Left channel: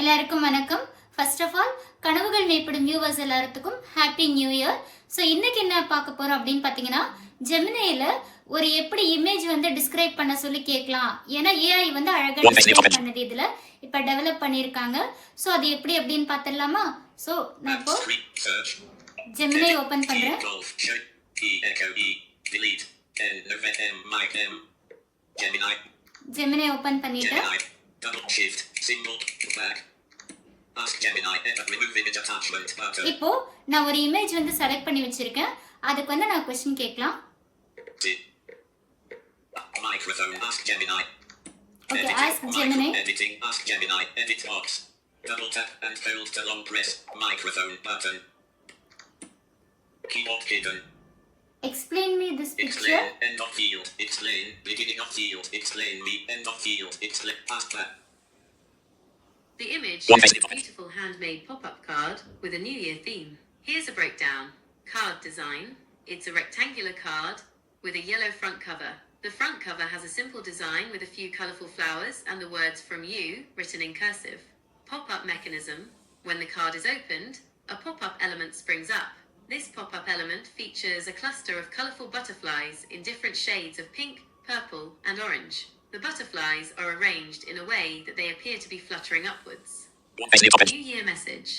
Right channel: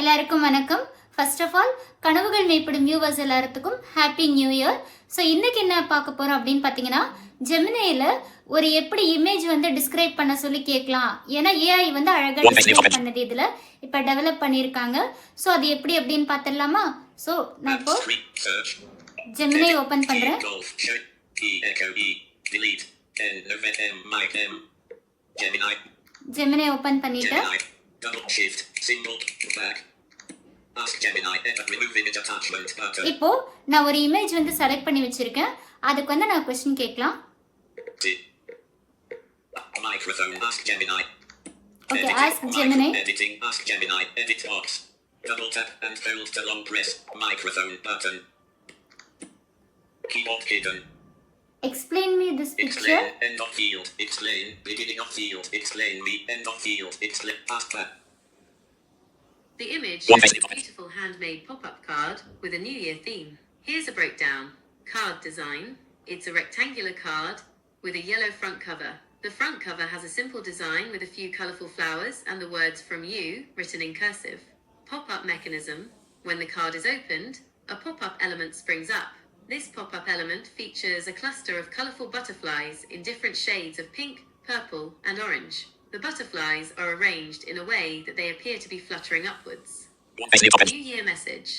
எல்லாருக்கும் வணக்கம். First of all கனவுகள் மேம்படும் வியூவர்ஸ் எல்லாத்துக்கும் ஹாப்பி நியூ இயர். ஸோ இன்னைக்கு என்ன பார்க்க போறோம் அப்படின்னு பார்த்தீங்கன்னா, ஜெமினியில் ஒரு எப்படி இமேஜ் வந்து டிஸ்கிரைப் பண்ண சொல்லி கேட்கலாம். ஏன்னா ஏஐ வந்து அழகாக டிஸ்கிரைப் பண்ணது இதில் இப்போ டெவலப் பண்ணியிருக்காங்க. ஸோ அது எப்படி அப்படின்னு பார்த்துடலாமா? ஸோ நான் இப்போ ஜெமினை ஓப்பன் பண்ணுறேன். ஜெமினை ஓப்பன் பண்ணிட்டேன். இப்போ நான் ஒரு இமேஜ் வந்து செலக்ட் பண்ணி வச்சிருக்கேன். அதுக்கு வந்து நான் क्वेश्चन கேட்கலாம். Okay, ask Gemini. Editing, ask Gemini, edit box. Double tap and hold to long press microphone button. Keyboard hidden. Explain me this picture. Explain end of field. Explain beginning of field. Explain me end of field. Explain ask that. The image shows a beautiful handmade pop-up card with a New Year theme. Here's a breakdown. Card design. It's a rectangular card with a yellow front cover. The front cover has a simple design with a few colourful flowers and the words "From You" written in cursive. Pop-up mechanism. When the card is opened, a pop-up element springs up. This pop-up element features a cluster of colourful butterflies in different shades of pink, purple and orange. The butterflies are arranged in a way that they appear to be fluttering upwards. New Year message.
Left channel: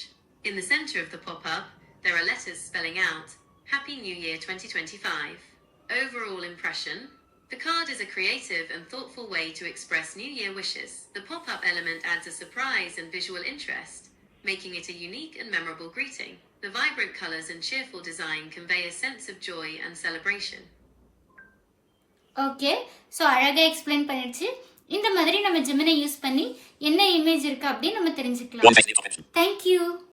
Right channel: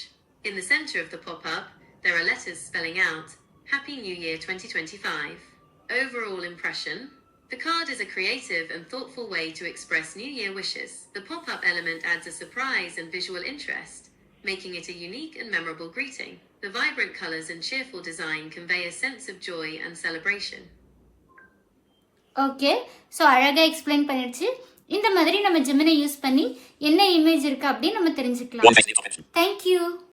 In the centre of the pop-up, there are letters spelling out Happy New Year 2025. Overall impression. The card is a creative and thoughtful way to express New Year wishes. The pop-up element adds a surprise and visual interest, making it a unique and memorable greeting. The vibrant colours and cheerful design convey a sense of joy and celebration. Okay, so அழகாக எக்ஸ்பிளைன் பண்ணிடுச்சு. இந்த மாதிரி நம்ம ஜெமினை யூஸ் பண்ணி என்ன இமேஜ் இருக்குது அப்படின்னு நம்ம தெரிஞ்சுக்கலாம். தேங்க்யூ.